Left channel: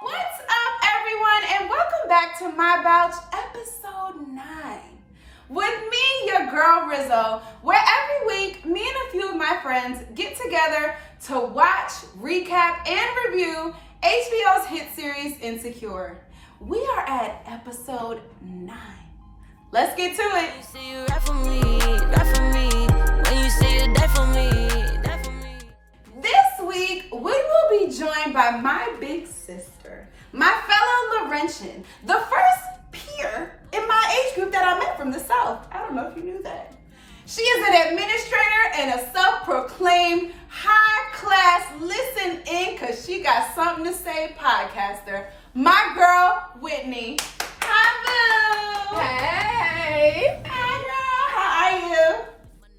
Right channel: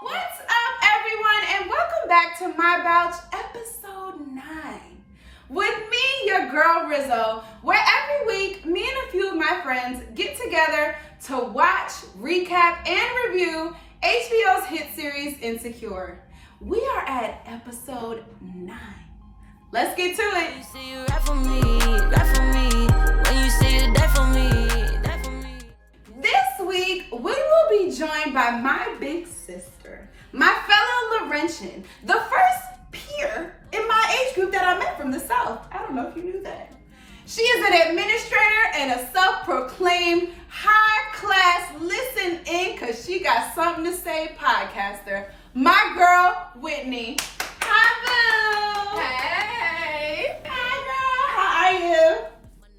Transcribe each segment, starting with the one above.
What's up, everyone, and welcome back to my Bouch, episode 9. With me, your girl Rizzo, where every week, me and a few of my friends get together to watch, recap, and review HBO's hit series, Insecure. We are at episode 9. Let's get to it. You say you rap for me, when you say you die for me, die for me. This week, we will be joined by my big sister, my fellow Laurentian, the first peer in my age group that I met from the South. I don't know if you knew that. She is an administrator and a self-proclaimed high-class listen-in because she got something to say podcaster. My girl, Whitney. Hi, Boo. Hey. Hi, girl. How are you?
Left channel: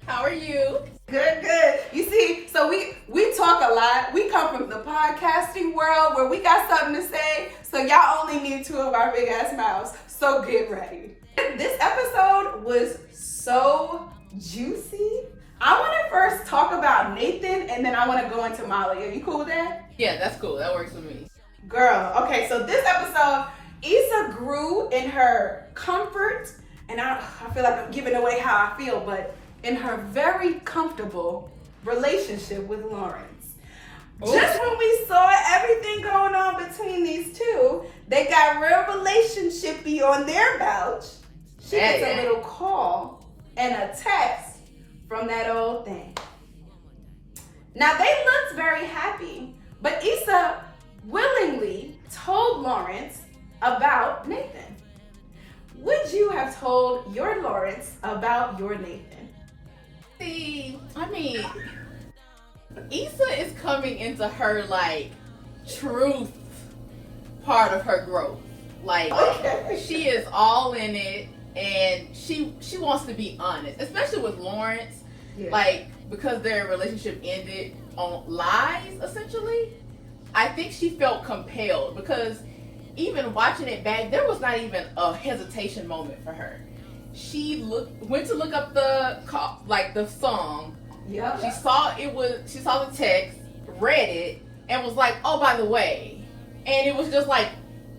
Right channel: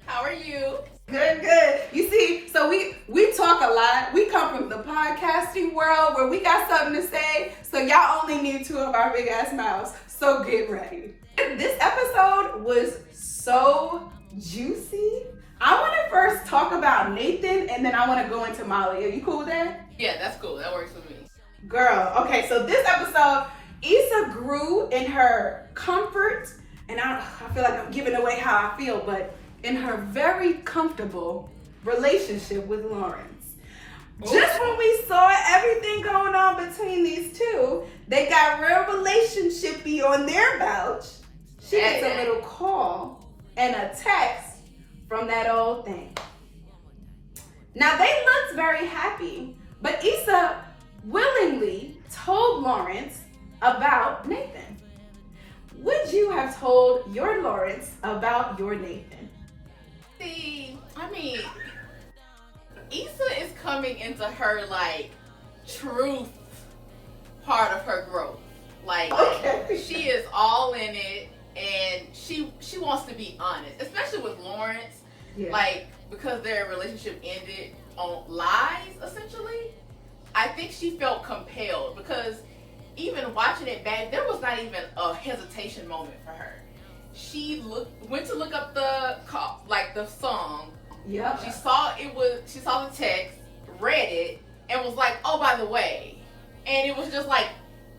How are you? Good. You see, so we talk a lot. We come from the podcasting world where we got something to say. So y'all only need 2 of our big ass mouths. So get ready. This episode was so juicy. I want to first talk about Nathan and then I want to go into Molly. Are you cool with that? Yeah, that's cool. That works for me. Girl, okay, so this episode, Issa grew in her comfort, and I feel like I'm giving away how I feel, but in her very comfortable relationship with Lawrence. Ooh. Just when we saw everything going on between these two, they got real relationshipy on their Bouch. She gets a little call and a text from that old thing. Now they looked very happy, but Issa willingly told Lawrence about Nathan. Would you have told your Lawrence about your Nathan? See, I mean, Issa is coming into her, like, truth part of her growth. Like, Okay. she is all in it, and she wants to be honest, especially with Lawrence. Yeah. Like, because their relationship ended on lies, essentially. I think she felt compelled because even watching it back, there was not even a hesitation moment for her. She went to look up the song. Yep. She saw the text, read it, and was like, "Oh, by the way," and it was just like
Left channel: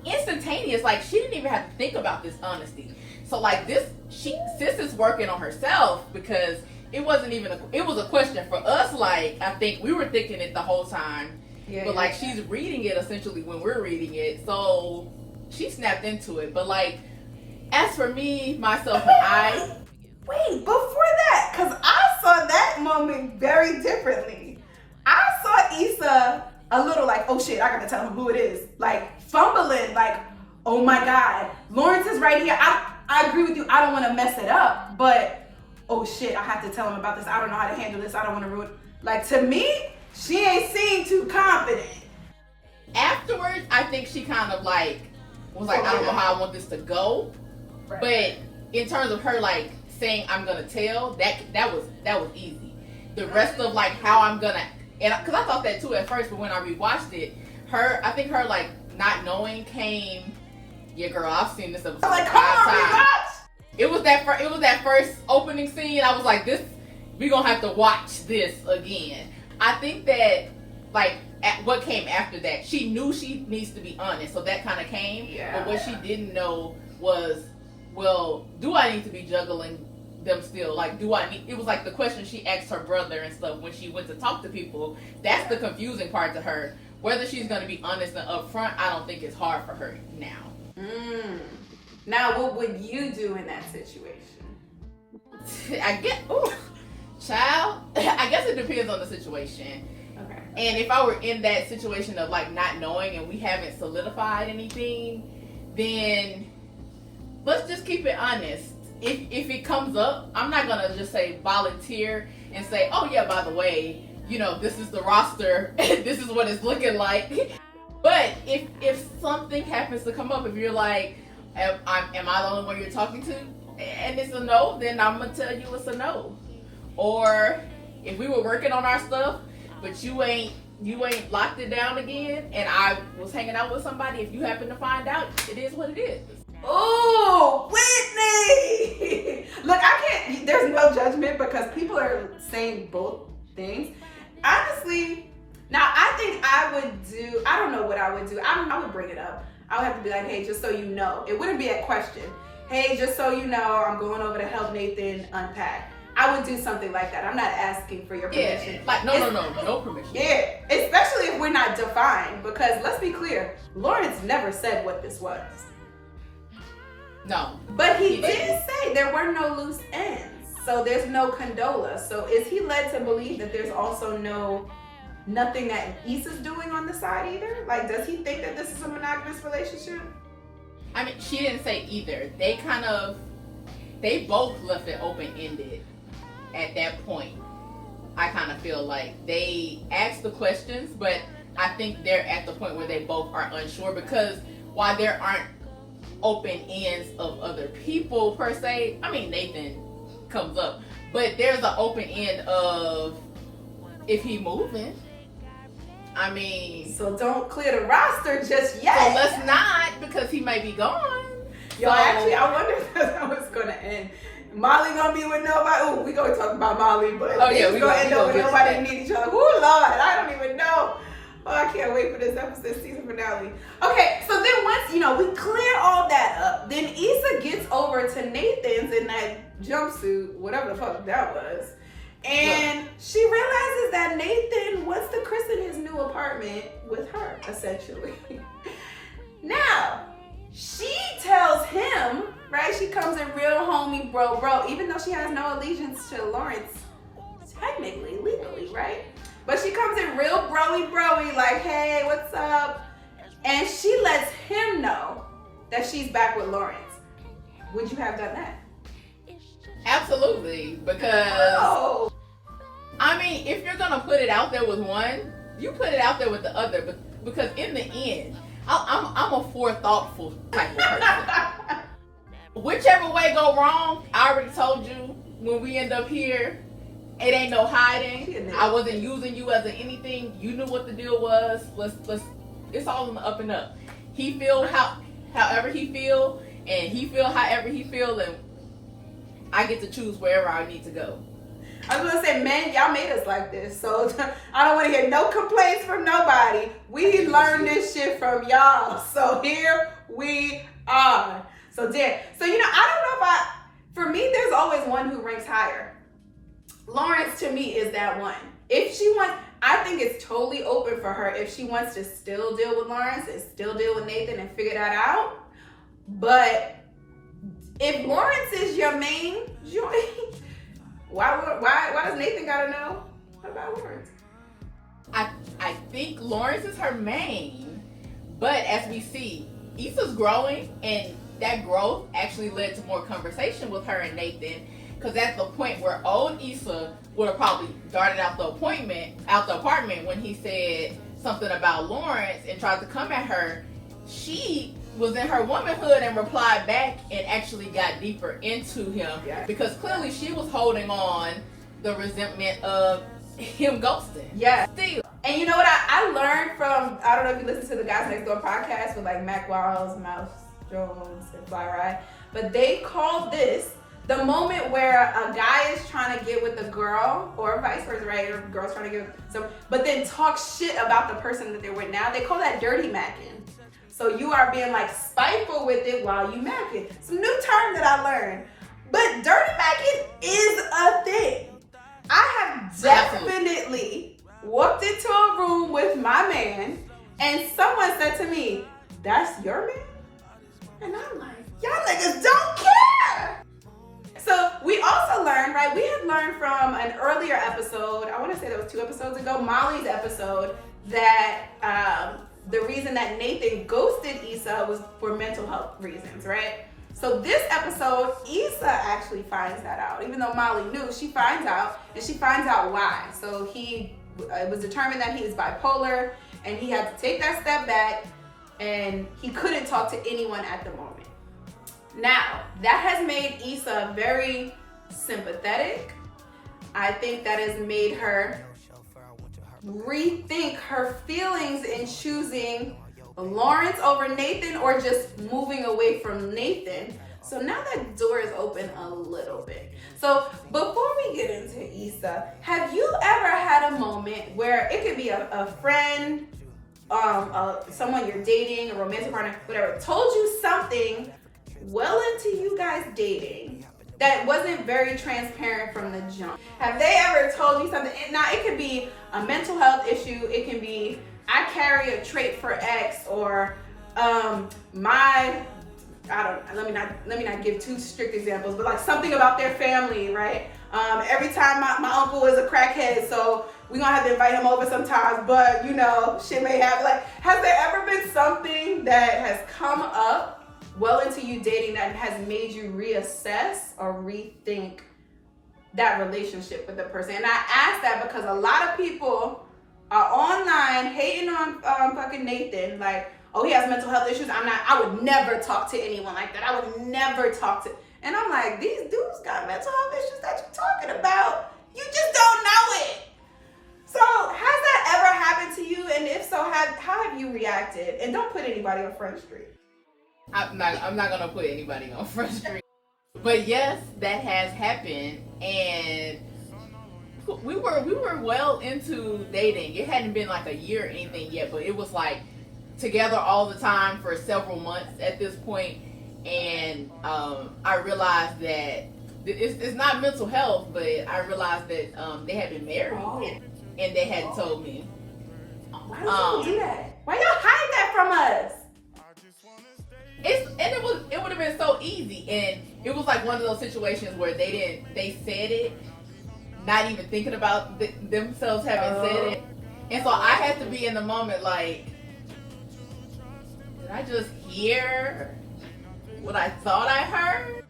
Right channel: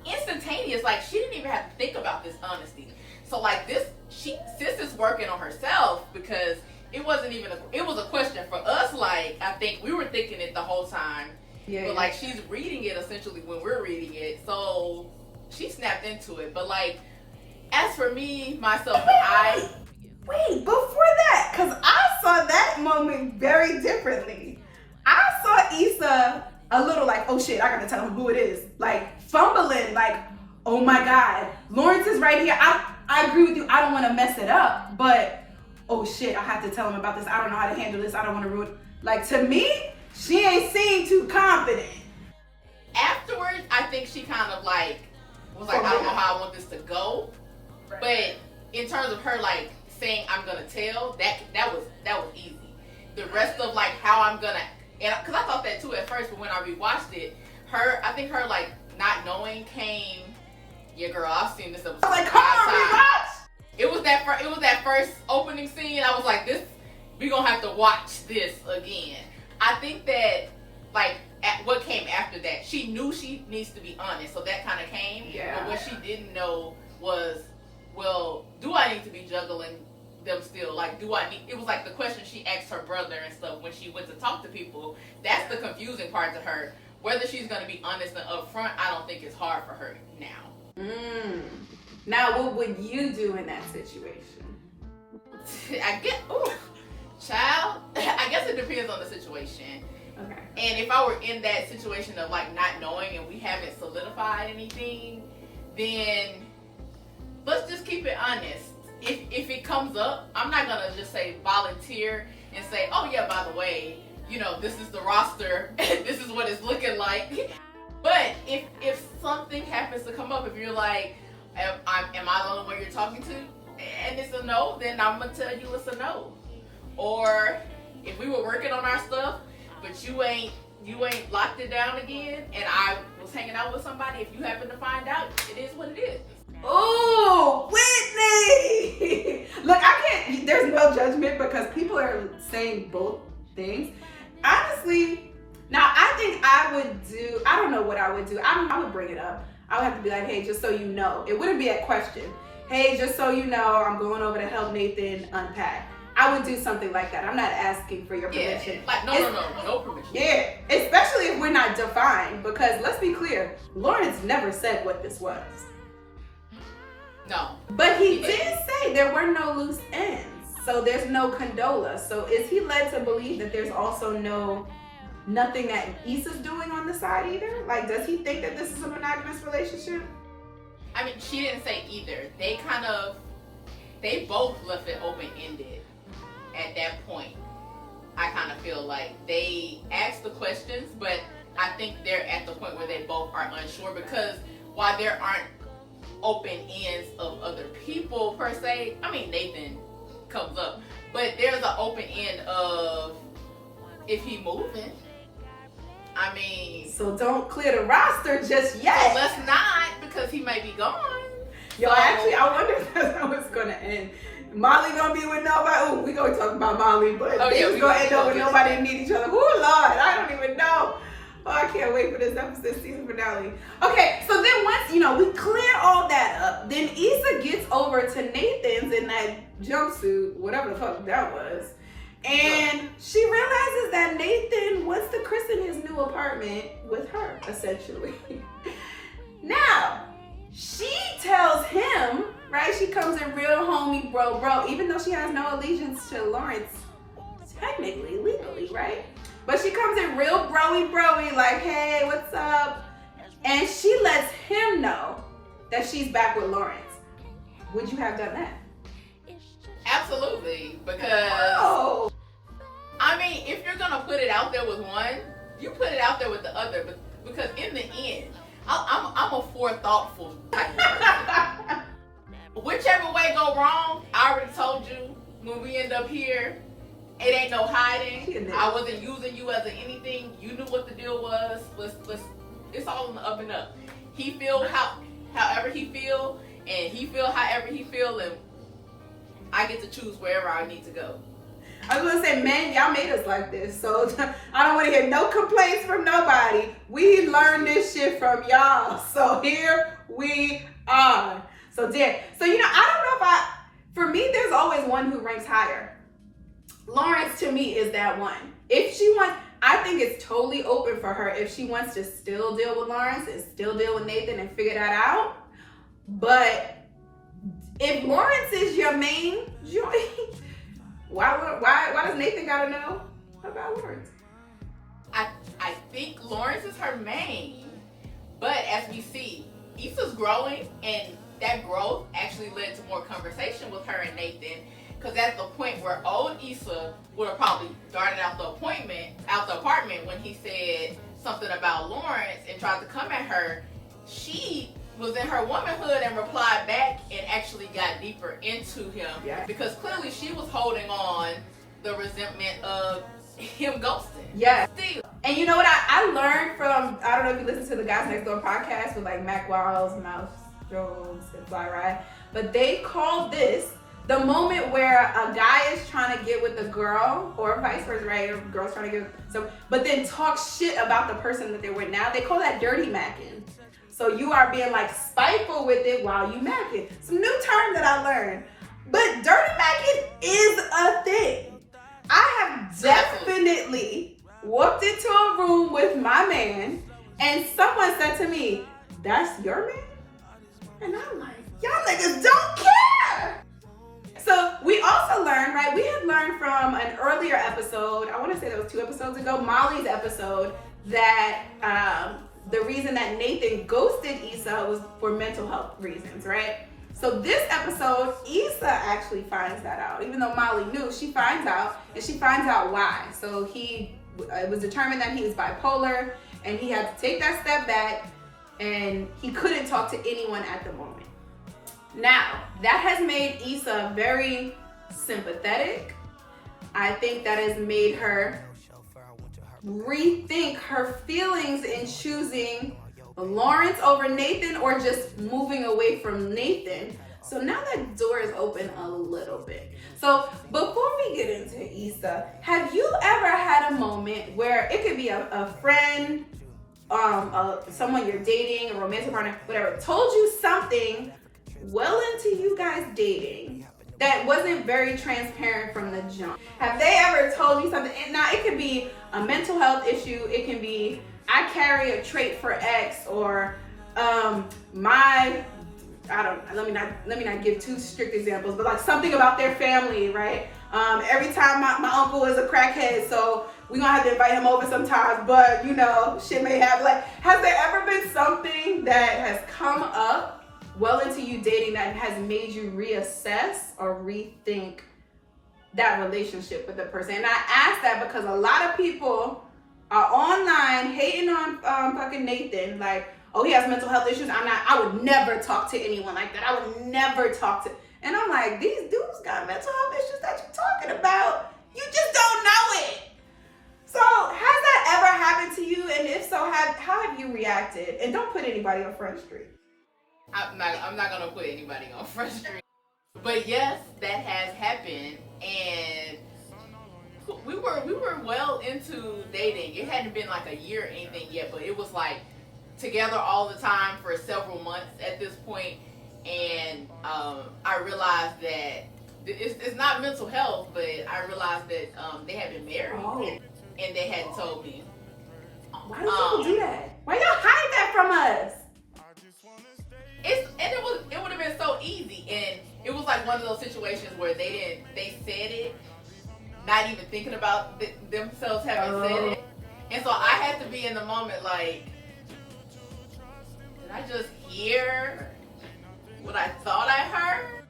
instantaneous. Like she didn't even have to think about this honesty. So like sis is working on herself because it wasn't even it was a question for us. Like I think we were thinking it the whole time. Yeah, but like she's reading it essentially when we're reading it, so she snapped into it. But like, as for me, myself, and Wait, before that, because I saw that moment very differently. I saw Issa a little like, oh shit, I gotta tell him who it is. Like fumbling, like, oh my God, Lawrence is right here. I agree with you, I don't wanna mess it up, but oh shit, I have to tell him about this. I don't know how to handle this. I don't wanna ruin. Like to me, she ain't seemed too confident. afterwards, I think she kind of like was like, I don't know how I want this to go. Right. But in terms of her like saying I'm gonna tell, that was easy. The rest of like how I'm gonna, and because I thought that too at first, but when I rewatched it, I think her like not knowing came. Yeah, girl, I've seen this episode Like, 5 come on, times. rewatch. It was that first opening scene. I was like, we gonna have to watch this again. I think that like what came after that, she knew she needs to be honest, so that kind of came. Yeah. But what she didn't know was, well, do I need to be juggling them still? Like, it was like the question she asked her brother and stuff when she went to talk to people. That's the confusing part to her. Whether she's going to be honest and upfront, I don't think it's hard for her now. Now, what would you do in that situation? I guess it depends on the situation. Okay. And if I were in that situation of like not knowing and we haven't solidified anything, then let's just keep it honest. If it comes up, I'm not gonna just say volunteer and say, oh yeah, by the way, this is the roster, this is what it's looking like. But if something happens to come up, if you're like, am I the only one you're talking to? And it's a no, then I'm gonna tell you it's a no. Or if we were working on our stuff, but you ain't locked it down again, and I was hanging out with somebody, if you happen to find out, it is what it is. Oh, Whitney! Look, there's no judgment because people are saying both things. Honestly, now I think I would do, I don't know what I would do. I would bring it up. I would have to be like, hey, just so you know. It wouldn't be a question. Hey, just so you know, I'm going over to help Nathan unpack. I would do something like that. I'm not asking for your permission. Yeah, like no permission. Yeah, especially if we're not defined, because let's be clear, Lawrence never said what this was. No. But he did say there were no loose ends. So there's no condola. So is he led to believe that there's also nothing that Issa's doing on the side either? Like, does he think that this is a monogamous relationship? I mean, she didn't say either. They both left it open-ended at that point. I kind of feel like they asked the questions, but I think they're at the point where they both are unsure, because while there aren't open ends of other people per se, I mean, Nathan comes up, but there's an open end of if he moving. I mean, so don't clear the roster just yet. So let's not, because he may be gone. Yo, actually, I wonder if that's how it's gonna end. Molly gonna be with nobody. Oh, we gonna talk about Molly, but we gonna end up with nobody and need each other. Oh Lord, I don't even know. Oh, I can't wait for this episode, season finale. Okay, so then once, we clear all that up, then Issa gets over to Nathan's in that jumpsuit, whatever the fuck that was. And she realizes that Nathan wants to christen his new apartment with her, essentially. Now, she tells him, right? She comes in real homie bro, even though she has no allegiance to Lawrence, technically, legally, right? But she comes in real broy, like, hey, what's up? And she lets him know that she's back with Lawrence. Would you have done that? Absolutely, because I mean, if you're gonna put it out there with one, you put it out there with the other. But because in the end, I'm a forethoughtful type of person. Whichever way go wrong, I already told you when we end up here, it ain't no hiding. I wasn't using you as anything. You knew what the deal was. Let's. It's all in the up and up. He feel however he feel, and he feel however he feel, and I get to choose wherever I need to go. I was gonna say, man, y'all made us like this, so I don't want to hear no complaints from nobody. We learned this shit from y'all, so here we are. So I don't know for me, there's always one who ranks higher. Lawrence to me is that one. If she wants, I think it's totally open for her if she wants to still deal with Lawrence and still deal with Nathan and figure that out. But if Lawrence is your main joy, why does Nathan gotta know about Lawrence? I think Lawrence is her main, but as we see, Issa's growing, and that growth actually led to more conversation with her and Nathan. Because at the point where old Issa would have probably darted out the apartment when he said something about Lawrence and tried to come at her, she was in her womanhood and replied back and actually got deeper into him. Yeah. Because clearly she was holding on the resentment of him ghosting. Yeah. Still. And you know what I learned from, I don't know if you listen to the Guys Next Door podcast with like Mac Wiles, Mouse Jones, and Fly Rye, but they call this the moment where a guy is trying to get with a girl, or vice versa, right? Or a girl's trying to get with some, but then talk shit about the person that they're with now. They call that dirty macking. So you are being like spiteful with it while you macking. It's a new term that I learned. But dirty macking is a thing. I have definitely walked into a room with my man and someone said to me, "That's your man?" And I'm like, y'all niggas don't care. So we also learned, right? We had learned from an earlier episode, I want to say that was 2 episodes ago, Molly's episode, that the reason that Nathan ghosted Issa was for mental health reasons, right? So this episode, Issa actually finds that out. Even though Molly knew, she finds out, and she finds out why. So it was determined that he is bipolar, and he had to take that step back, and he couldn't talk to anyone at the moment. Now, that has made Issa very sympathetic. I think that has made her rethink her feelings in choosing Lawrence over Nathan, or just moving away from Nathan. So now that door is open a little bit. So before we get into Issa, have you ever had a moment where it could be a friend, someone you're dating, a romantic partner, whatever, told you something well into you guys dating that wasn't very transparent from the jump? Have they ever told you something? Now, it could be a mental health issue. It can be, I carry a trait for X, or let me not give too strict examples, but like something about their family, right? Every time my uncle is a crackhead, so we gonna have to invite him over sometimes, but you know, shit may happen. Like, has there ever been something that has come up well into you dating that has made you reassess or rethink that relationship with the person? And I ask that because a lot of people are online hating on fucking Nathan, like, oh, he has mental health issues. I would never talk to anyone like that. I would never talk to, and I'm like, these dudes got mental health issues that you're talking about. You just don't know it. So has that ever happened to you? And if so, how have you reacted? And don't put anybody on Front Street. I'm not gonna put anybody on Front Street. But yes, that has happened, and we were well into dating. It hadn't been like a year or anything yet, but it was like together all the time for several months at this point. And I realized that it's not mental health, but I realized that they had been married, and they hadn't told me. Why do people do that? Why y'all hide that from us? It would have been so easy, and it was like one of those situations where they said it, not even thinking about themselves having said it, and so I had to be in the moment like, did I just hear what I thought I heard?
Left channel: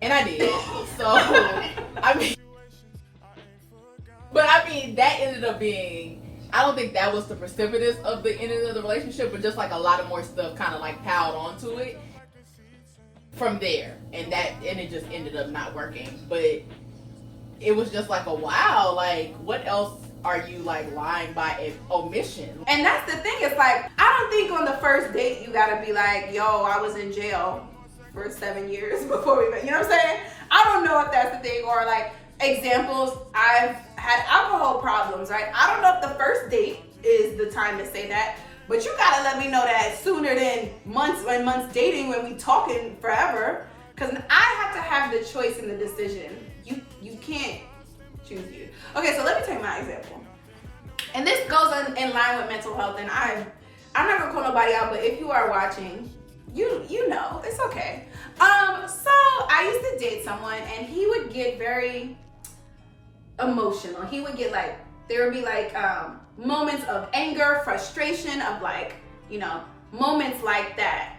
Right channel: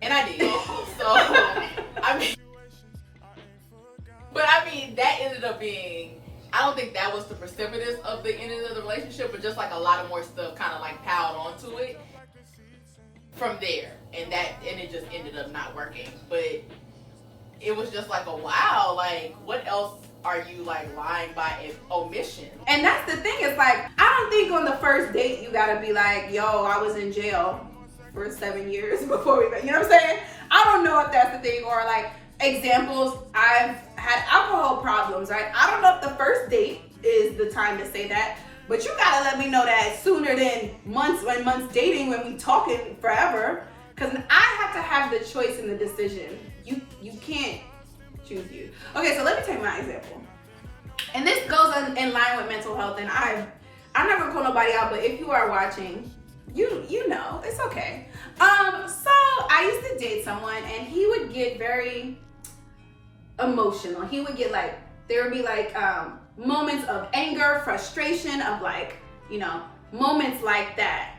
And I did. So I mean, that ended up being, I don't think that was the precipitous of the end of the relationship, but just like a lot of more stuff kind of like piled onto it from there, and it just ended up not working. But it was just like a wow, like what else are you like lying by omission? And that's the thing, it's like, I don't think on the first date you gotta be like, yo, I was in jail for 7 years before we met. You know what I'm saying? I don't know if that's the thing, or like examples, I've had alcohol problems, right? I don't know if the first date is the time to say that, but you gotta let me know that sooner than months dating, when we talking forever, because I have to have the choice in the decision. You can't choose you. Okay, so let me take my example. And this goes in line with mental health, and I'm never call nobody out, but if you are watching, you know, it's okay. So I used to date someone, and he would get very emotional. He would get like, there would be like moments of anger, frustration, of like, you know, moments like that.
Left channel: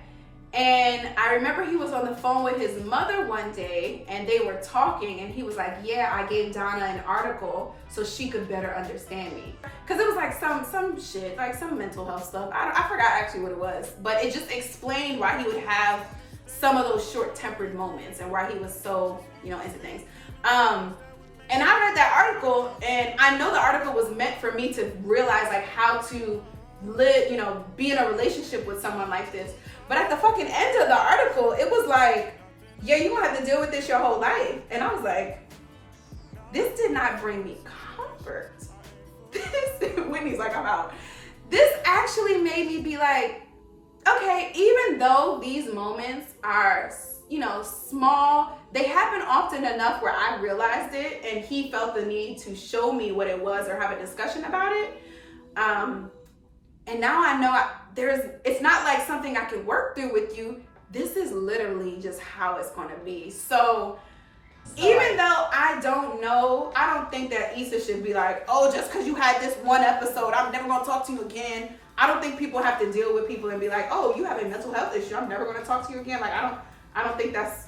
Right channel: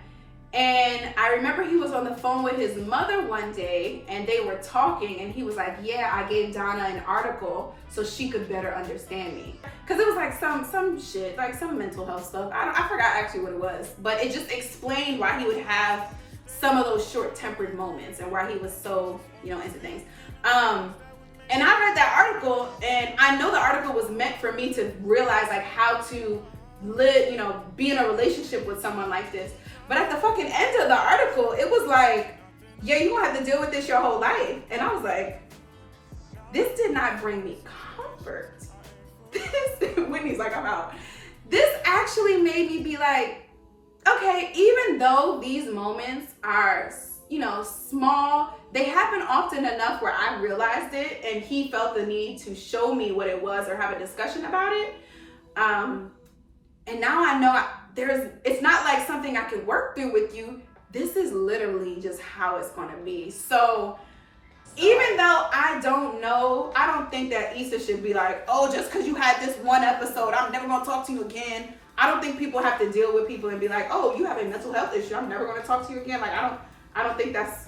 And I remember he was on the phone with his mother one day, and they were talking, and he was like, yeah, I gave Donna an article so she could better understand me. Because it was like some shit, like some mental health stuff. I forgot actually what it was, but it just explained why he would have some of those short-tempered moments and why he was so, you know, into things. And I read that article, and I know the article was meant for me to realize like how to live, you know, be in a relationship with someone like this. But at the fucking end of the article, it was like, yeah, you're gonna have to deal with this your whole life. And I was like, this did not bring me comfort. Whitney's like, I'm out. This actually made me be like, okay, even though these moments are, you know, small, they happen often enough where I realized it, and he felt the need to show me what it was or have a discussion about it. And now I know it's not like something I can work through with you. This is literally just how it's gonna be. So even though I don't know, I don't think that Issa should be like, oh, just because you had this one episode, I'm never gonna talk to you again. I don't think people have to deal with people and be like, oh, you have a mental health issue, I'm never gonna talk to you again. Like, I don't think that's,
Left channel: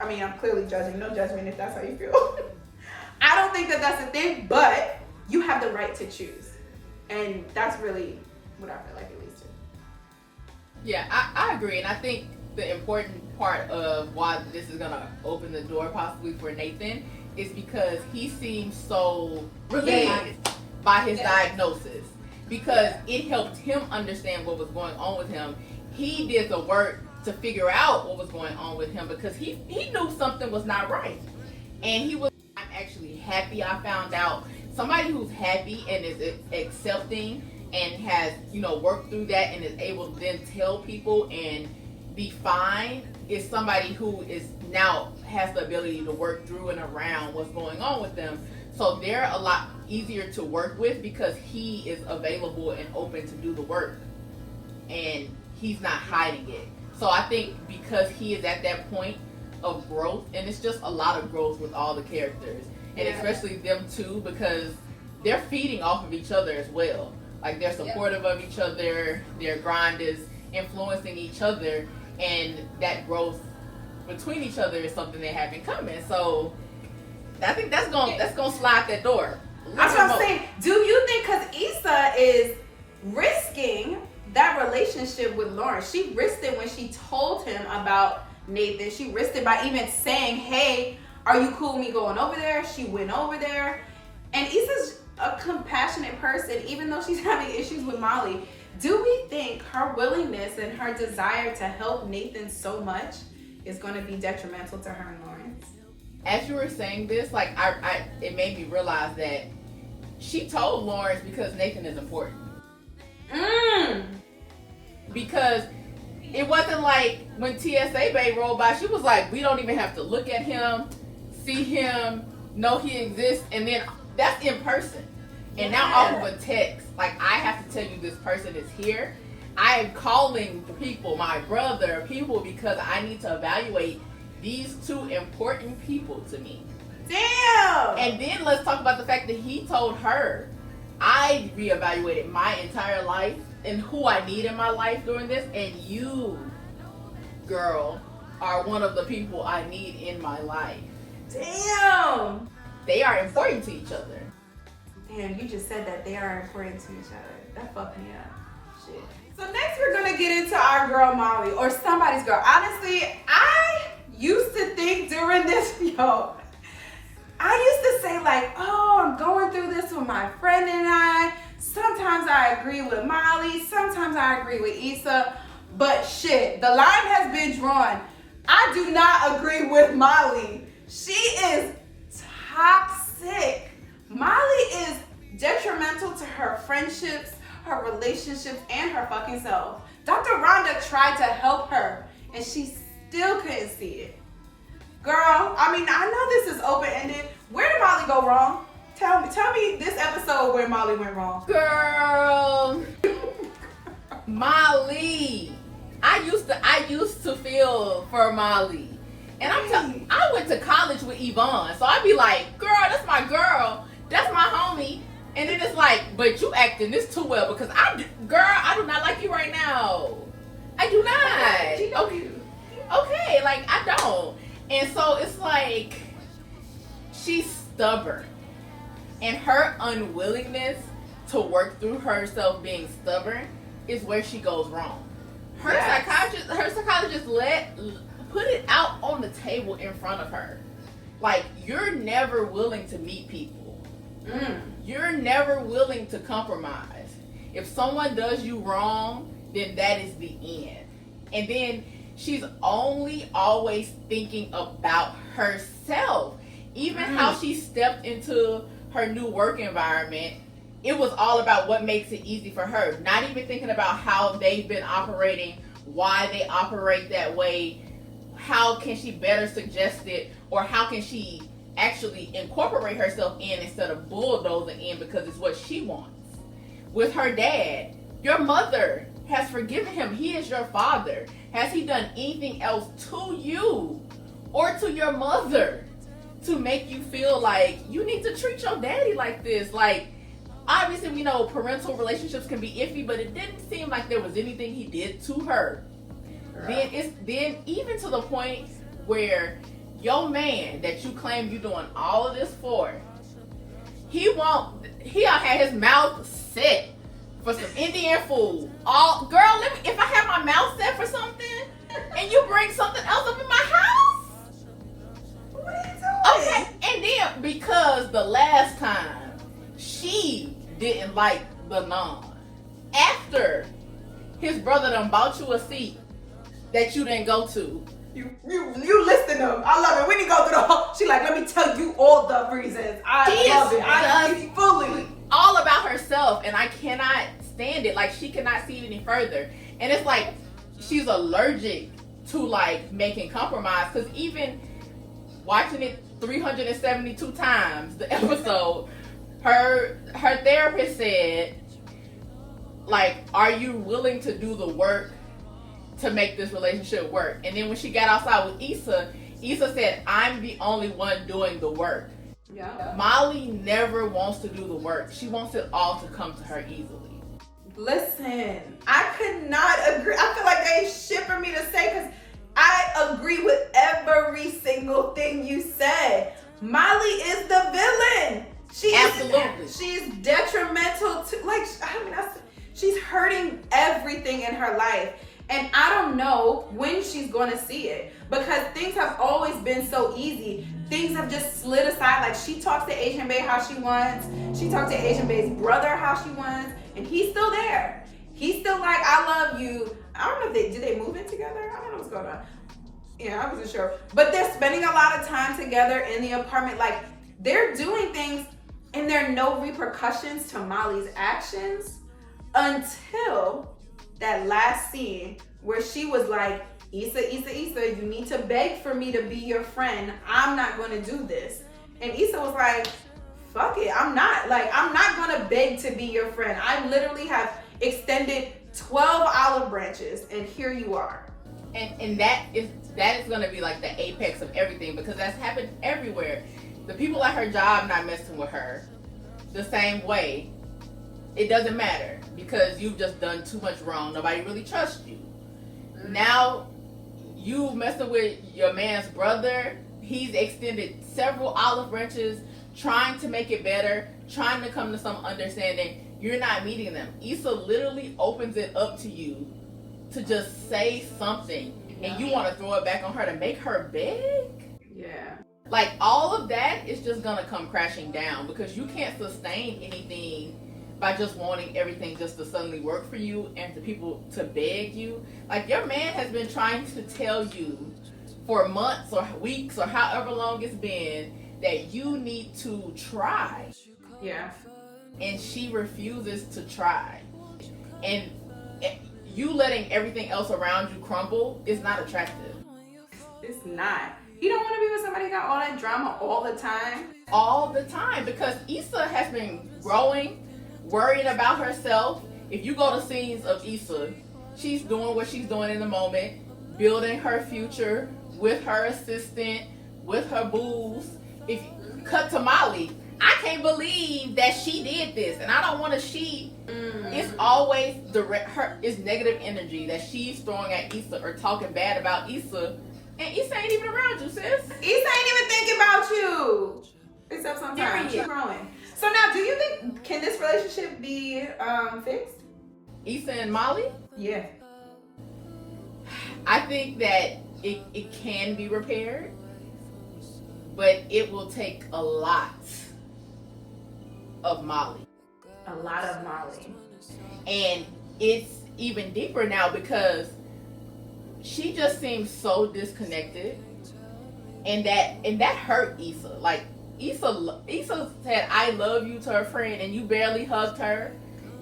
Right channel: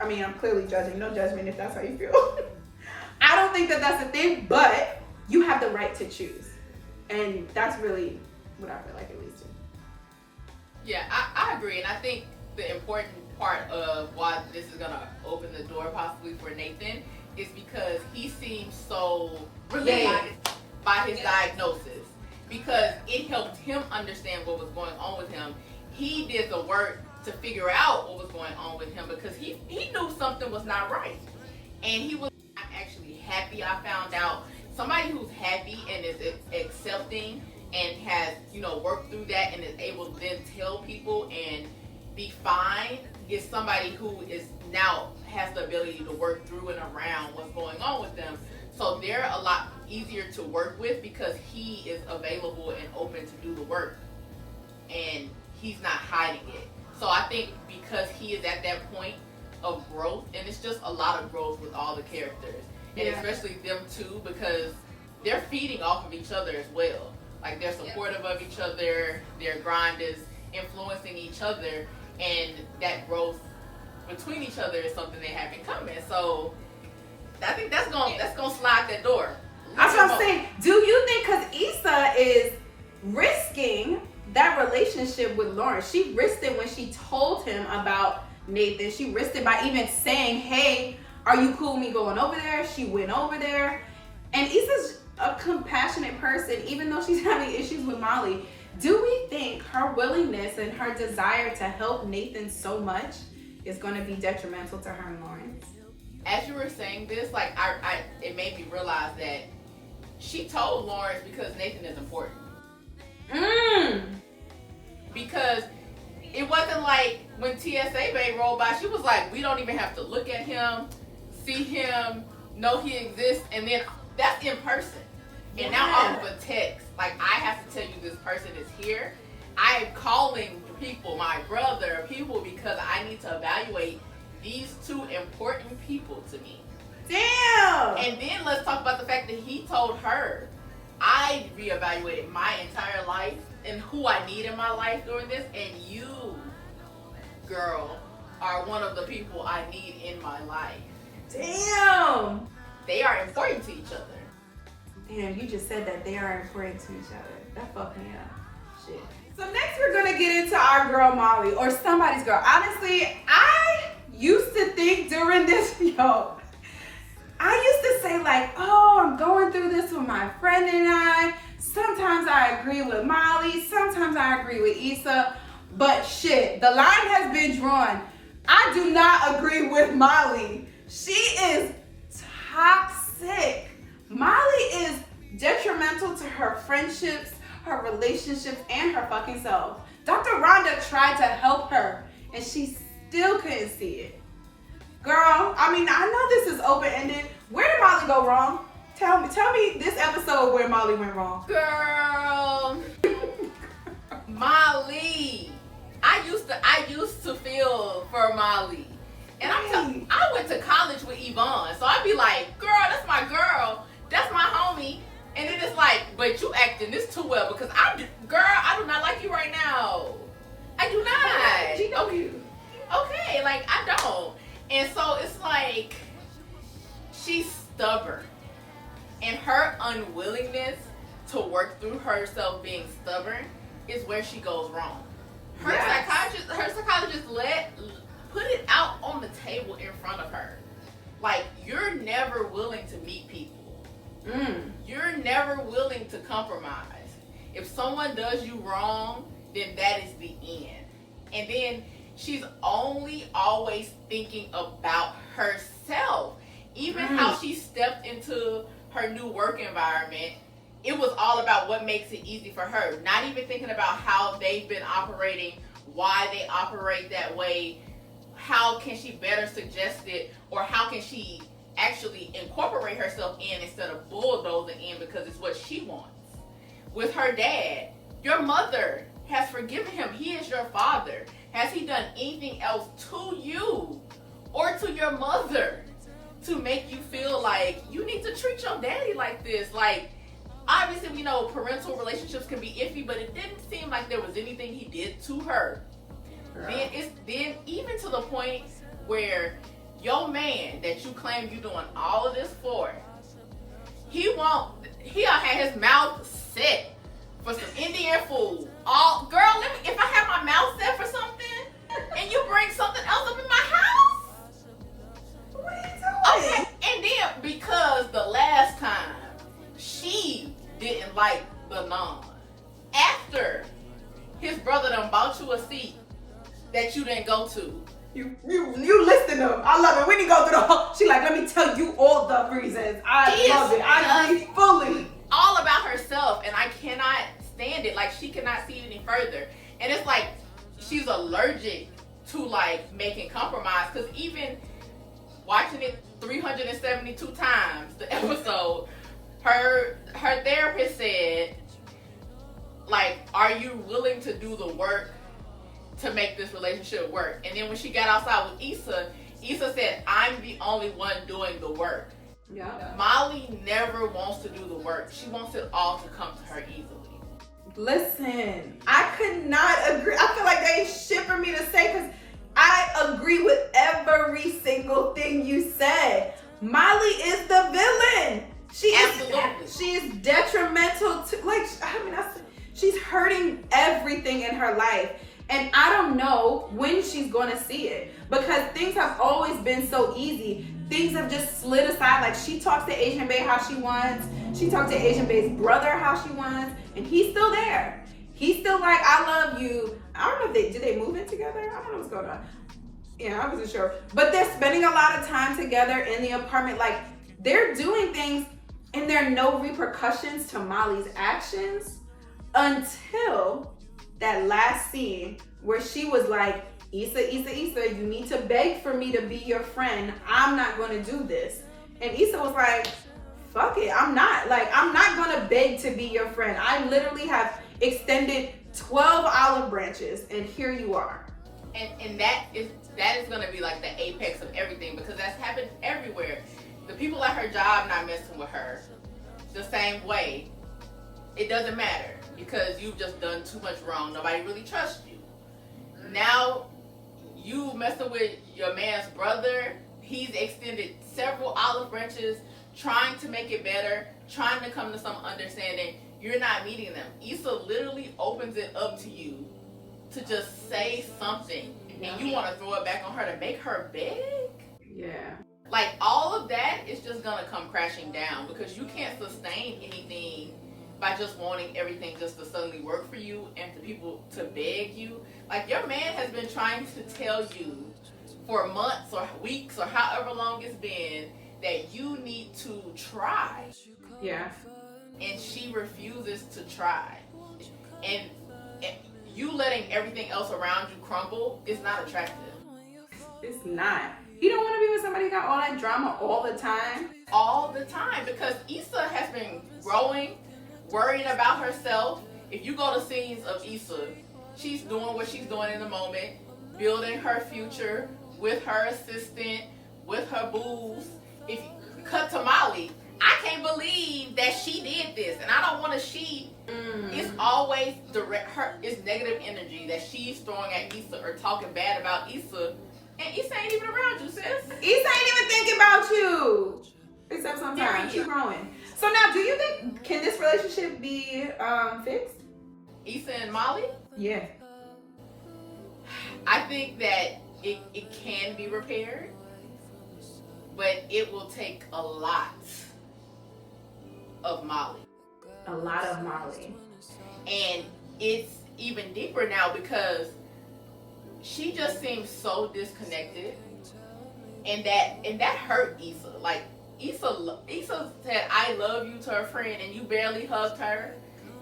I mean, I'm clearly judging, no judgment if that's how you feel. I don't think that that's a thing, but you have the right to choose. And that's really what I feel like it leads to. Yeah, I agree. And I think the important part of why this is going to open the door possibly for Nathan is because he seems so relieved by his diagnosis, because it helped him understand what was going on with him. He did the work to figure out what was going on with him because he knew something was not right. And he was, I'm actually happy I found out. Somebody who's happy and is accepting and has, worked through that and is able to then tell people and be fine is somebody who is now has the ability to work through and around what's going on with them. So they're a lot easier to work with because he is available and open to do the work and he's not hiding it. So I think because he is at that point of growth, and it's just a lot of growth with all the characters, and especially them two, because they're feeding off of each other as well. Like they're supportive of each other, their grind is influencing each other, and that growth between each other is something they have in common. So I think that's gonna slide that door. That's what I'm saying. Do you think because Issa is risking that relationship with Lawrence, she risked it when she told him about Nathan. She risked it by even saying, hey, are you cool with me going over there? She went over there. And Issa's a compassionate person, even though she's having issues with Molly. Do we think her willingness and her desire to help Nathan so much is going to be detrimental to her and Lawrence? As you were saying this, like it made me realize that she told Lawrence because Nathan is important. Because it wasn't like when TSA Bay rolled by, she was like, we don't even have to look at him, see him, know he exists, and then that's in person. And now off of a text, like I have to tell you this person is here. I am calling people, my brother, people, because I need to evaluate these two important people to me. Damn! And then let's talk about the fact that he told her, I reevaluated my entire life and who I need in my life during this, and you, girl, are one of the people I need in my life. Damn! They are important to each other. Damn, you just said that they are important to each other. That fucked me up. Shit. So next we're gonna get into our girl Molly, or somebody's girl. Honestly, I used to think during this, I used to say like, oh, I'm going through this with my friend and I. Sometimes I agree with Molly, sometimes I agree with Issa, but shit, the line has been drawn. I do not agree with Molly. She is toxic. Molly is detrimental to her friendships, her relationships, and her fucking self. Dr. Rhonda tried to help her, and she still couldn't see it. Girl, I mean, I know this is open-ended. Where did Molly go wrong? Tell me this episode where Molly went wrong. Girl, Molly. I used to feel for Molly. And I went to college with Yvonne, so I'd be like, girl, that's my girl. That's my homie. And then it's like, but you acting this too well because I do not like you right now. I do not. Okay, like I don't. And so it's like, she's stubborn. And her unwillingness to work through herself being stubborn is where she goes wrong. Her psychologist put it out on the table in front of her. Like, you're never willing to meet people. You're never willing to compromise. If someone does you wrong, then that is the end. And then she's only always thinking about herself. Even how she stepped into her new work environment, it was all about what makes it easy for her. Not even thinking about how they've been operating, why they operate that way, how can she better suggest it, or how can she actually incorporate herself in instead of bulldozing in because it's what she wants. With her dad, your mother has forgiven him. He is your father. Has he done anything else to you or to your mother to make you feel like you need to treat your daddy like this? Like, obviously we know parental relationships can be iffy, but it didn't seem like there was anything he did to her. Then even to the point where your man that you claim you doing all of this for, he'll have his mouth set for some Indian food. Girl, if I have my mouth set for something and you bring something else up in my house, what are you doing? Okay, and then because the last time she didn't like the naan, after his brother done bought you a seat that you didn't go to. You listing them. I love it. We didn't go through the whole. She like, let me tell you all the reasons. I love it. I fully all about herself, and I cannot stand it. Like, she cannot see it any further. And it's like she's allergic to like making compromise, because even watching it 372 times, the episode, her therapist said, like, are you willing to do the work to make this relationship work? And then when she got outside with Issa said, I'm the only one doing the work. Yeah. Molly never wants to do the work. She wants it all to come to her easily. Listen, I could not agree. I feel like they shit for me to say, because I agree with every single thing you said. Molly is the villain. She's detrimental to, like, I mean, she's hurting everything in her life. And I don't know when she's going to see it, because things have always been so easy. Things have just slid aside. Like, she talks to Asian Bae how she wants. She talks to Asian Bae's brother how she wants. And he's still there. He's still like, I love you. I don't know if did they move in together? I don't know what's going on. Yeah, I wasn't sure. But they're spending a lot of time together in the apartment. Like, they're doing things, and there are no repercussions to Molly's actions until that last scene where she was like, Issa, you need to beg for me to be your friend. I'm not going to do this. And Issa was like, fuck it, I'm not going to beg to be your friend. I literally have extended 12 olive branches, and here you are. And that is going to be like the apex of everything, because that's happened everywhere. The people at her job not messing with her the same way. It doesn't matter, because you've just done too much wrong. Nobody really trusts you. Now you messing with your man's brother. He's extended several olive branches, trying to make it better, trying to come to some understanding. You're not meeting them. Issa literally opens it up to you to just say something, and you want to throw it back on her to make her beg? Yeah. Like, all of that is just gonna come crashing down, because you can't sustain anything by just wanting everything just to suddenly work for you and to people to beg you. Like, your man has been trying to tell you for months or weeks or however long it's been that you need to try. Yeah. And she refuses to try. And you letting everything else around you crumble is not attractive. It's not. You don't want to be with somebody who got all that drama all the time. All the time, because Issa has been growing, worrying about herself. If you go to scenes of Issa, she's doing what she's doing in the moment, building her future with her assistant, with her booze. If you cut to Molly, I can't believe that she did this, and I don't want to. It's always it's negative energy that she's throwing at Issa or talking bad about Issa, and Issa ain't even around you, sis. Issa ain't even thinking about you, except sometimes. She's growing. So now, do you think, can this relationship be fixed? Issa and Molly? Yeah. I think that it can be repaired, but it will take a lot of Molly. A lot of Molly. And it's even deeper now, because she just seems so disconnected, and that hurt Issa. Like, Issa said I love you to her friend, and you barely hugged her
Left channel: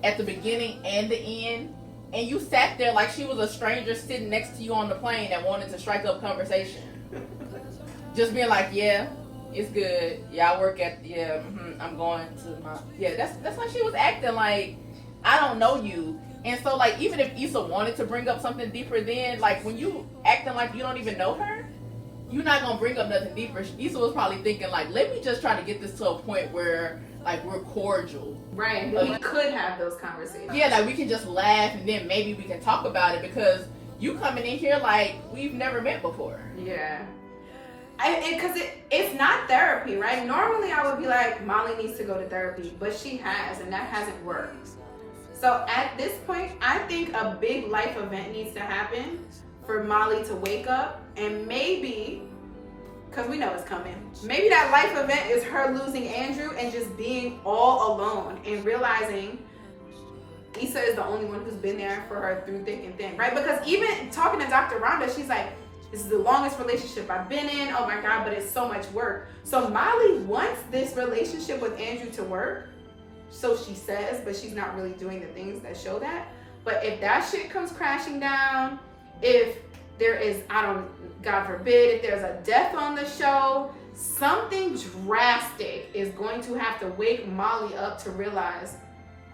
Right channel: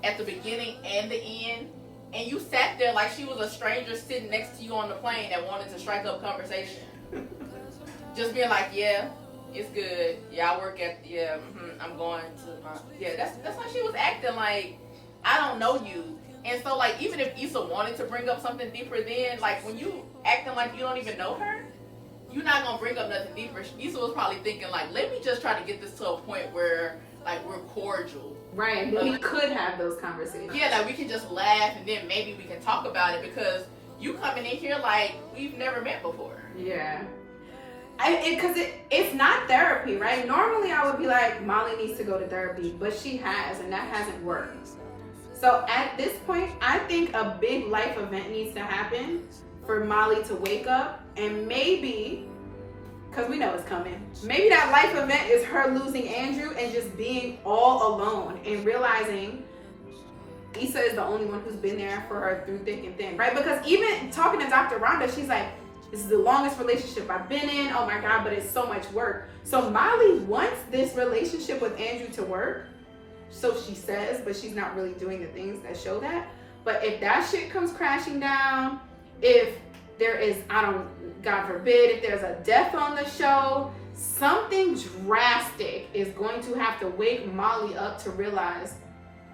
at the beginning and the end, and you sat there like she was a stranger sitting next to you on the plane that wanted to strike up conversation. Just being like, yeah, it's good. Yeah, I work at, I'm going to my, that's how she was acting. Like, I don't know you. And so, like, even if Issa wanted to bring up something deeper, then, like, when you acting like you don't even know her, you're not gonna bring up nothing deeper. Issa was probably thinking, like, let me just try to get this to a point where, like, we're cordial. Right, but we could have those conversations. Yeah, like, we can just laugh, and then maybe we can talk about it, because you coming in here like we've never met before. Yeah. Because it's not therapy, right? Normally I would be like, Molly needs to go to therapy, but she has, and that hasn't worked. So at this point, I think a big life event needs to happen for Molly to wake up, and maybe, because we know it's coming, maybe that life event is her losing Andrew and just being all alone and realizing Issa is the only one who's been there for her through thick and thin, right? Because even talking to Dr. Rhonda, she's like, this is the longest relationship I've been in. Oh my God, but it's so much work. So Molly wants this relationship with Andrew to work, So she says, but she's not really doing the things that show that. But if that shit comes crashing down, if there is, God forbid, if there's a death on the show, something drastic is going to have to wake Molly up to realize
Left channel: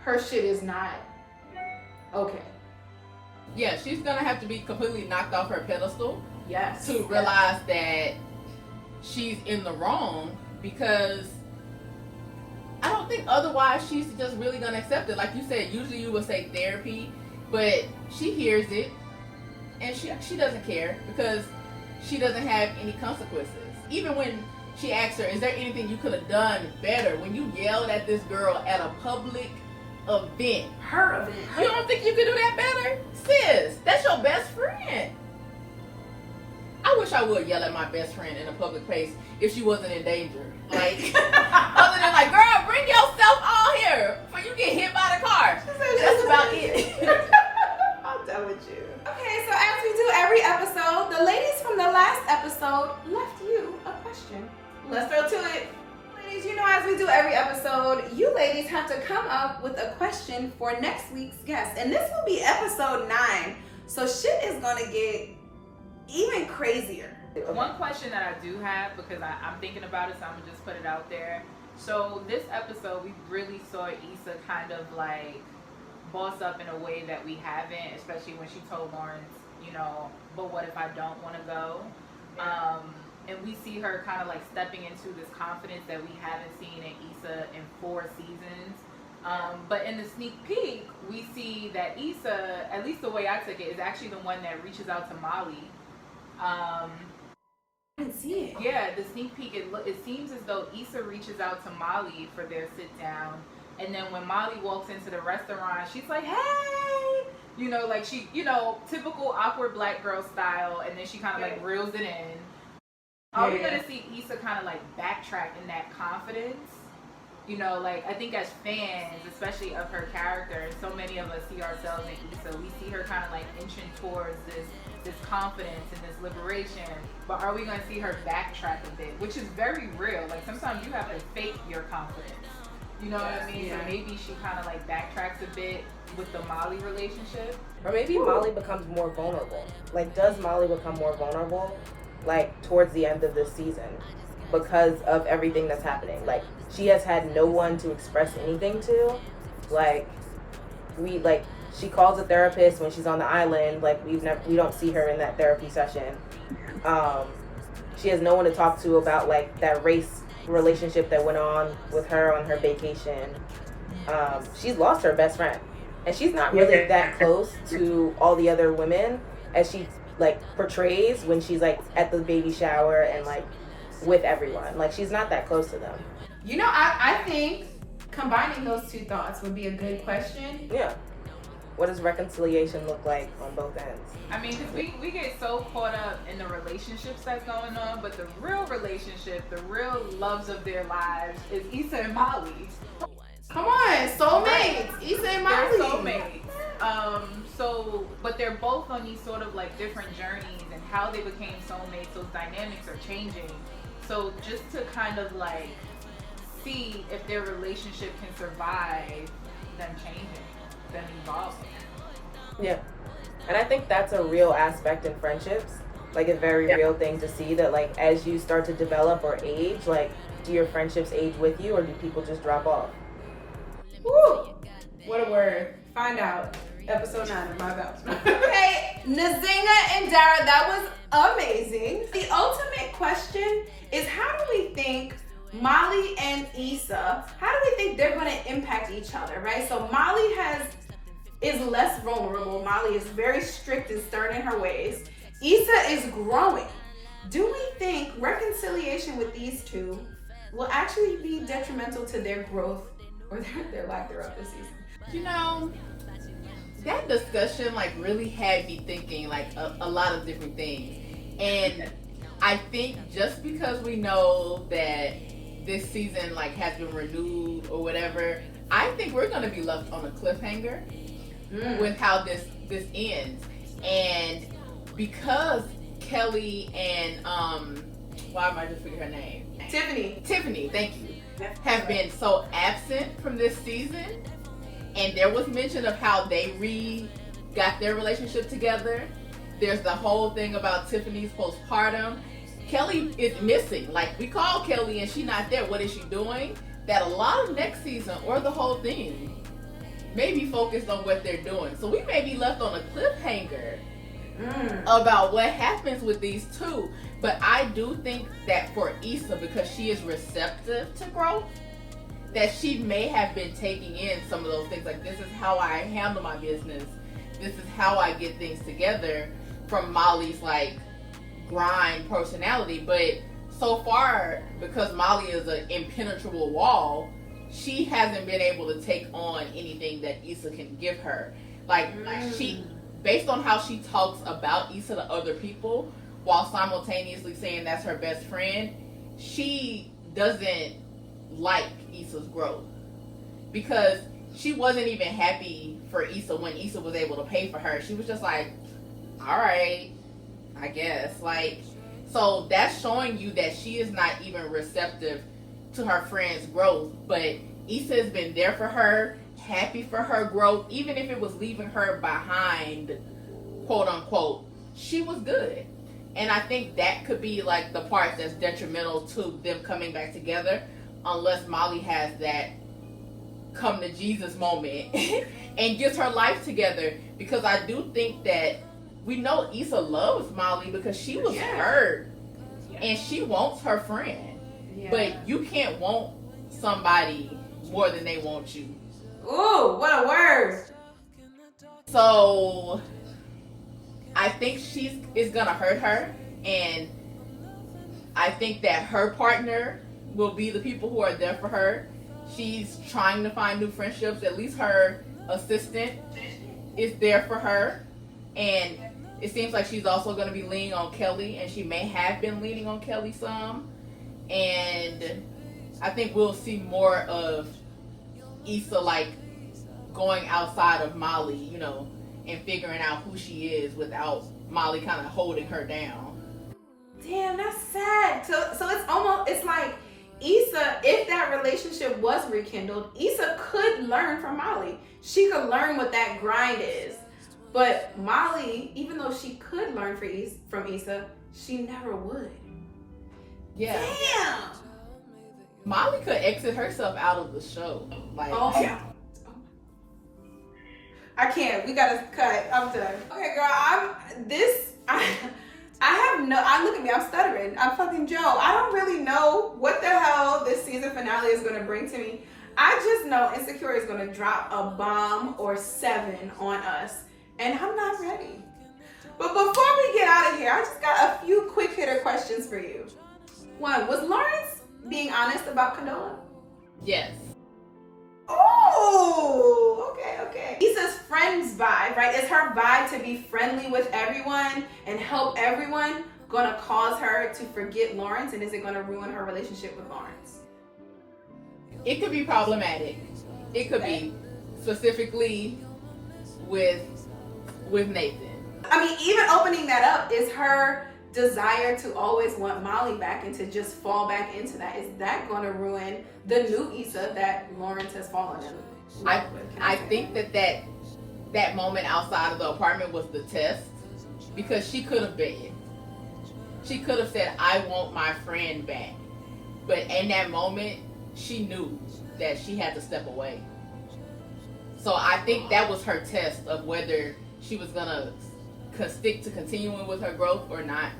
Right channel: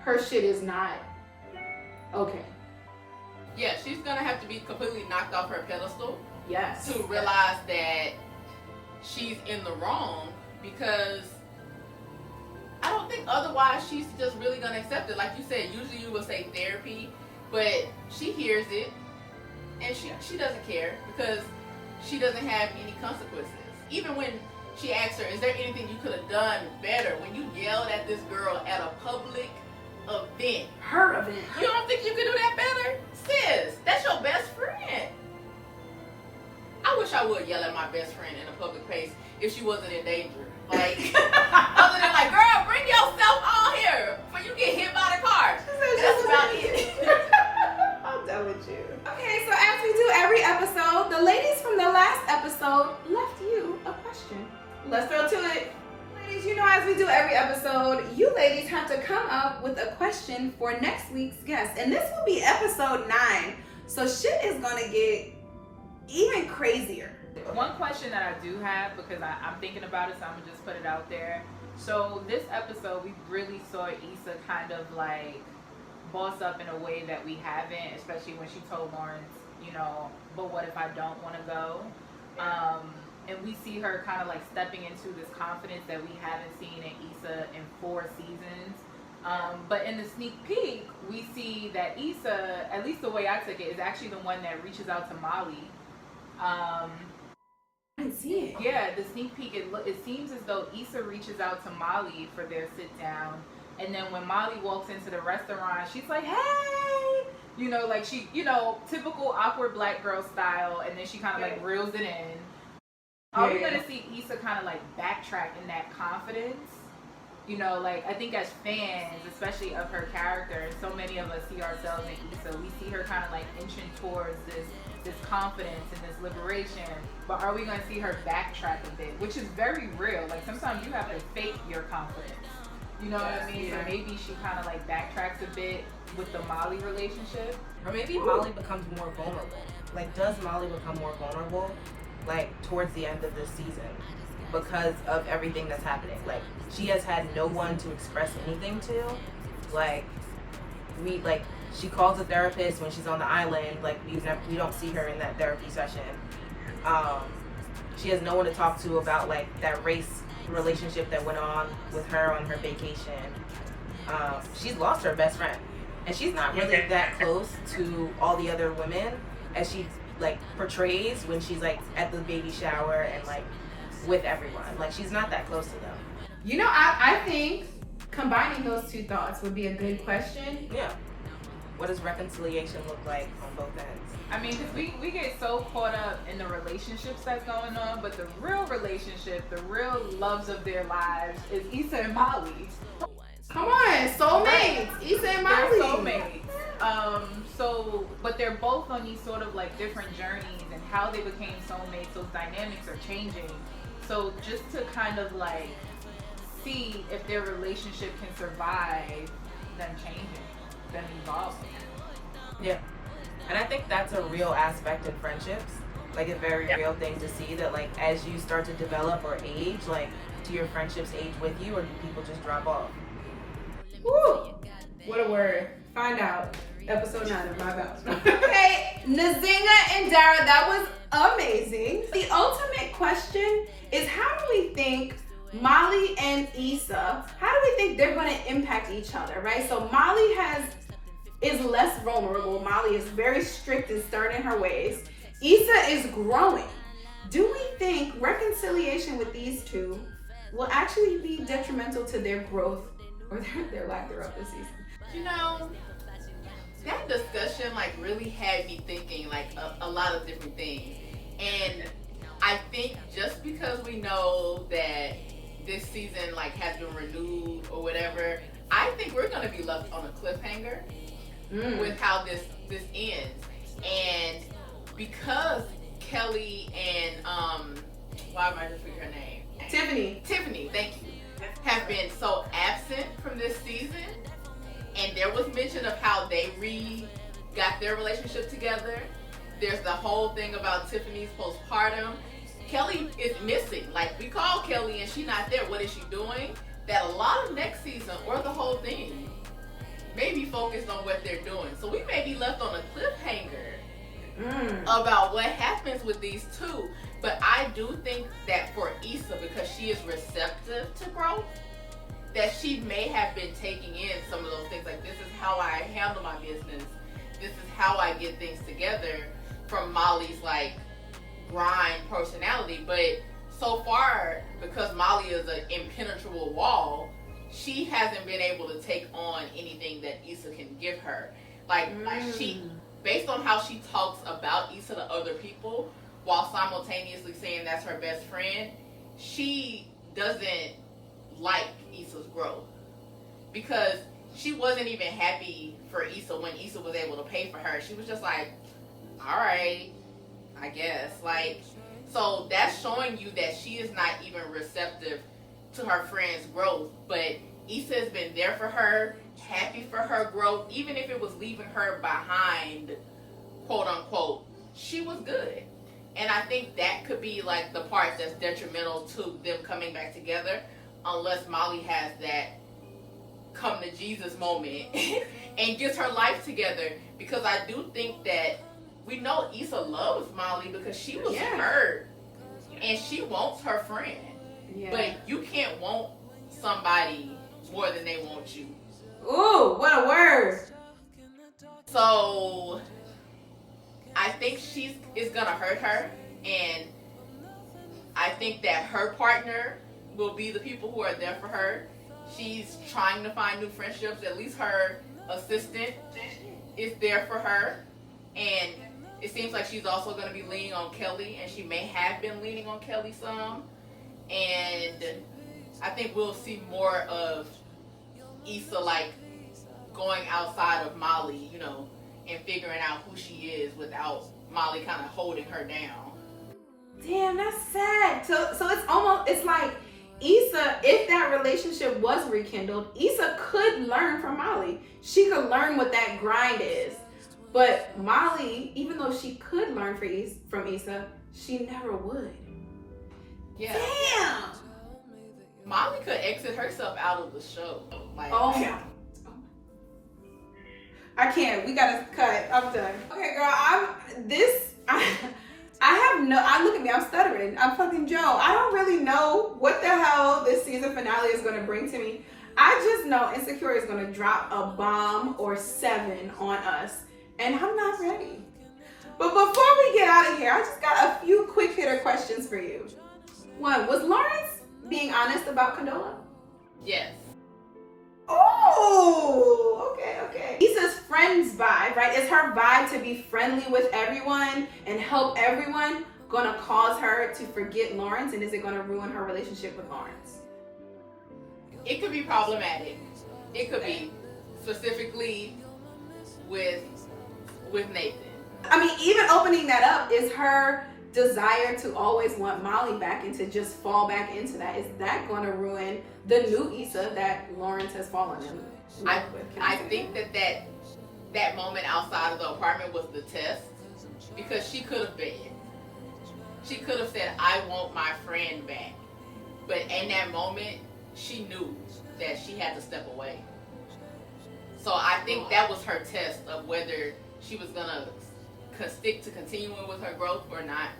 her shit is not okay. Yeah, she's gonna have to be completely knocked off her pedestal. Yes. To realize that she's in the wrong, because I don't think otherwise she's just really gonna accept it. Like you said, usually you would say therapy, but she hears it and she doesn't care because she doesn't have any consequences. Even when she asks her, is there anything you could have done better? When you yelled at this girl at a public event. Her event. You don't think you could do that better? Sis, that's your best friend. I wish I would yell at my best friend in a public place if she wasn't in danger. Like, other than like, girl, bring yourself on here before you get hit by the car. That's about it. I'm done with you. Okay, so as we do every episode, the ladies from the last episode left you a question. Let's go to it. Ladies, you know, as we do every episode, you ladies have to come up with a question for next week's guest. And this will be episode 9. So shit is gonna get even crazier. One question that I do have, because I'm thinking about it, so I'm gonna just put it out there. So this episode, we really saw Issa kind of like boss up in a way that we haven't, especially when she told Lawrence, you know, but what if I don't want to go? And we see her kind of like stepping into this confidence that we haven't seen in Issa in 4 seasons. But in the sneak peek, we see that Issa, at least the way I took it, is actually the one that reaches out to Molly. I didn't see it. Yeah, the sneak peek, it seems as though Issa reaches out to Molly for their sit down. And then when Molly walks into the restaurant, she's like, hey! You know, like she, you know, typical awkward black girl style. And then she kind of like reels it in. Are we going to see Issa kind of like backtrack in that confidence? You know, like I think as fans, especially of her character, and so many of us see ourselves in Issa, we see her kind of like inching towards this confidence and this liberation. But are we going to see her backtrack a bit? Which is very real. Like sometimes you have to fake your confidence. You know what I mean? So maybe she kind of like backtracks a bit with the Molly relationship. Or maybe Molly becomes more vulnerable. Like, does Molly become more vulnerable, like, towards the end of this season because of everything that's happening? Like, she has had no one to express anything to. Like, she calls a therapist when she's on the island. Like, we don't see her in that therapy session. She has no one to talk to about, like, that race relationship that went on with her on her vacation. She's lost her best friend, and she's not really that close to all the other women as she like portrays when she's like at the baby shower and like with everyone. Like she's not that close to them. You know, I think combining those two thoughts would be a good question. Yeah. What does reconciliation look like on both ends? I mean, because we get so caught up in the relationships that's going on, but the real relationship, the real loves of their lives is Issa and Molly. Come on, soulmates. Issa and Molly. They're soulmates. But they're both on these sort of like different journeys, and how they became soulmates, those dynamics are changing. So just to kind of like see if their relationship can survive them changing, them evolving. Yeah. And I think that's a real aspect in friendships. Like a very real thing to see that like as you start to develop or age, like do your friendships age with you or do people just drop off? Woo! What a word. Find out. Episode 9 of my belt. Okay, Nzinga and Dara, that was amazing. The ultimate question is how do we think Molly and Issa, how do we think they're going to impact each other, right? So Molly is less vulnerable. Molly is very strict and stern in her ways. Issa is growing. Do we think reconciliation with these two will actually be detrimental to their growth or their lack thereof this season? You know, that discussion like really had me thinking like a lot of different things. And I think just because we know that this season like has been renewed or whatever, I think we're gonna be left on a cliffhanger with how this ends. And because Kelly and why am I just forgetting her name? Tiffany, thank you. have been so absent from this season. And there was mention of how they got their relationship together. There's the whole thing about Tiffany's postpartum. Kelly is missing. Like, we call Kelly and she's not there. What is she doing? That a lot of next season, or the whole thing, may be focused on what they're doing. So we may be left on a cliffhanger about what happens with these two. But I do think that for Issa, because she is receptive to growth, that she may have been taking in some of those things. Like, this is how I handle my business. This is how I get things together, from Molly's like grind personality. But so far, because Molly is an impenetrable wall, she hasn't been able to take on anything that Issa can give her. Like she, based on how she talks about Issa to other people, while simultaneously saying that's her best friend, she doesn't like Issa's growth, because she wasn't even happy for Issa when Issa was able to pay for her. She was just like, all right, I guess. Like, so that's showing you that she is not even receptive to her friend's growth. But Issa has been there for her, happy for her growth, even if it was leaving her behind, quote unquote. She was good. And I think that could be like the part that's detrimental to them coming back together, unless Molly has that come to Jesus moment and gets her life together. Because I do think that we know Issa loves Molly because she was hurt and she wants her friend. Yeah. But you can't want somebody more than they want you. Ooh, what a word. So I think is gonna hurt her, and I think that her partner will be the people who are there for her. She's trying to find new friendships. At least her assistant is there for her, and it seems like she's also going to be leaning on Kelly, and she may have been leaning on Kelly some. And I think we'll see more of Issa like going outside of Molly, you know, and figuring out who she is without Molly kind of holding her down. Damn, that's sad. So it's like Issa, if that relationship was rekindled, Issa could learn from Molly. She could learn what that grind is. But Molly, even though she could learn from Issa, she never would. Yeah. Damn. Molly could exit herself out of the show. Like, oh yeah. I can't. We gotta cut. I'm done. Okay, girl. Look at me. I'm stuttering. I'm fucking Joe. I don't really know what the hell this season finale is gonna bring to me. I just know Insecure is gonna drop a bomb or 7 on us, and I'm not ready. But before we get out of here, I just got a few quick hitter questions for you. One, was Lawrence being honest about Condola? Yes. Oh, okay. Issa's friend's vibe, right? Is her vibe to be friendly with everyone and help everyone gonna cause her to forget Lawrence, and is it gonna ruin her relationship with Lawrence? It could be problematic. It could be, specifically with Nathan. I mean, even opening that up, is her desire to always want Molly back and to just fall back into that, is that going to ruin the new Issa that Lawrence has fallen in love with? I think that moment outside of the apartment was the test, because she could have begged. She could have said, I want my friend back. But in that moment, she knew that she had to step away. So I think that was her test of whether she was going to stick to continuing with her growth or not.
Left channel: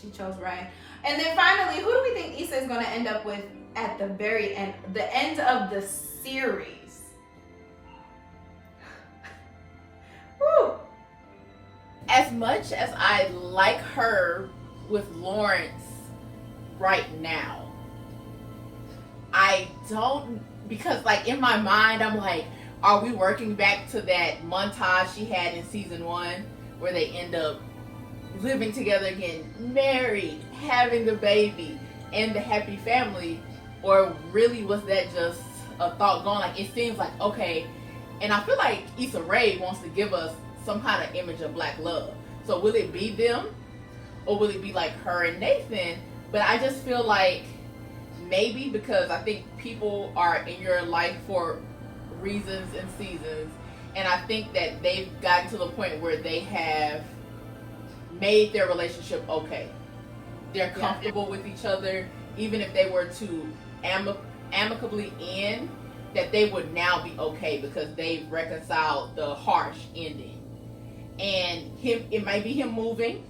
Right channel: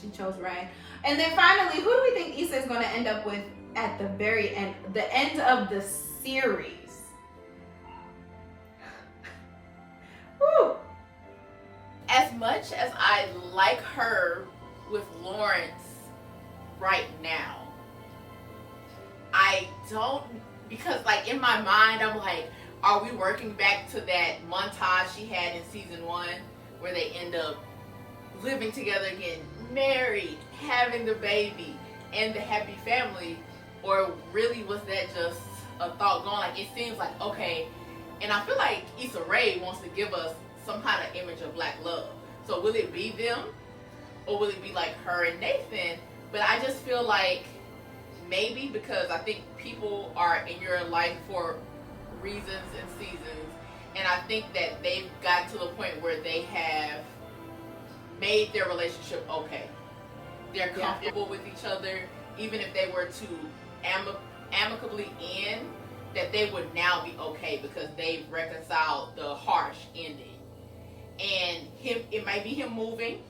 She chose right. And then finally, who do we think Issa is going to end up with at the very end, the end of the series? Woo. As much as I like her with Lawrence right now, I don't, because like in my mind, I'm like, are we working back to that montage she had in season 1 where they end up living together again, married, having the baby, and the happy family? Or really was that just a thought gone? Like, it seems like, okay, and I feel like Issa Rae wants to give us some kind of image of black love. So will it be them? Or will it be like her and Nathan? But I just feel like maybe because I think people are in your life for reasons and seasons, and I think that they've gotten to the point where they have made their relationship okay. They're comfortable with each other, even if they were to amicably end, that they would now be okay because they've reconciled the harsh ending. And it might be him moving,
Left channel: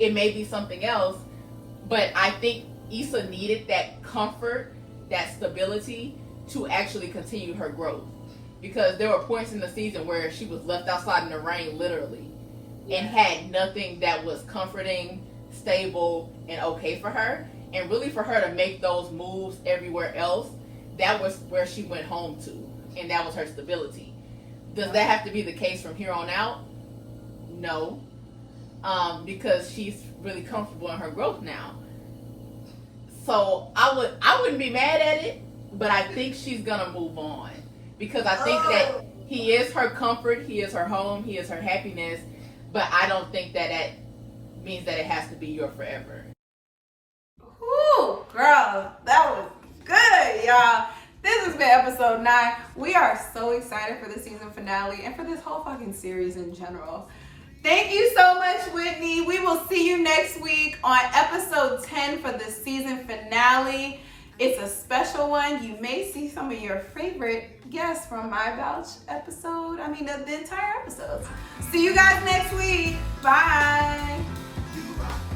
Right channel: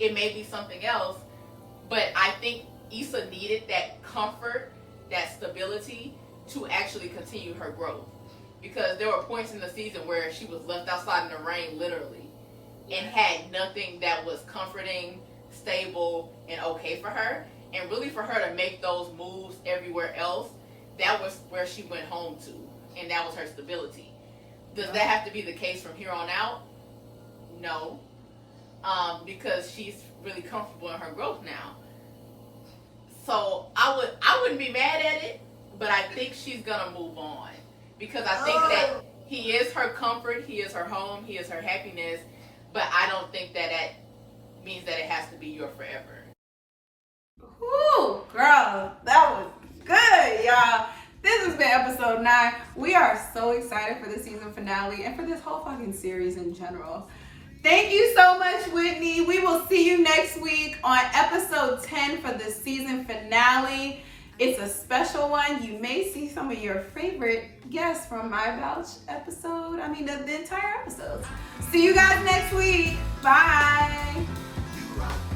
it may be something else, but I think Issa needed that comfort, that stability to actually continue her growth. Because there were points in the season where she was left outside in the rain, literally, and had nothing that was comforting, stable, and okay for her. And really for her to make those moves everywhere else, that was where she went home to. And that was her stability. Does that have to be the case from here on out? No. Because she's really comfortable in her growth now. So I wouldn't be mad at it, but I think she's gonna move on. Because I think that he is her comfort, he is her home, he is her happiness, but I don't think that means that it has to be your forever. Whew, girl, that was good, y'all. This has been episode 9. We are so excited for the season finale and for this whole fucking series in general. Thank you so much, Whitney. We will see you next week on episode 10 for the season finale. It's a special one. You may see some of your favorite guests from my Bouch episode. The entire episode. See you guys next week. Bye.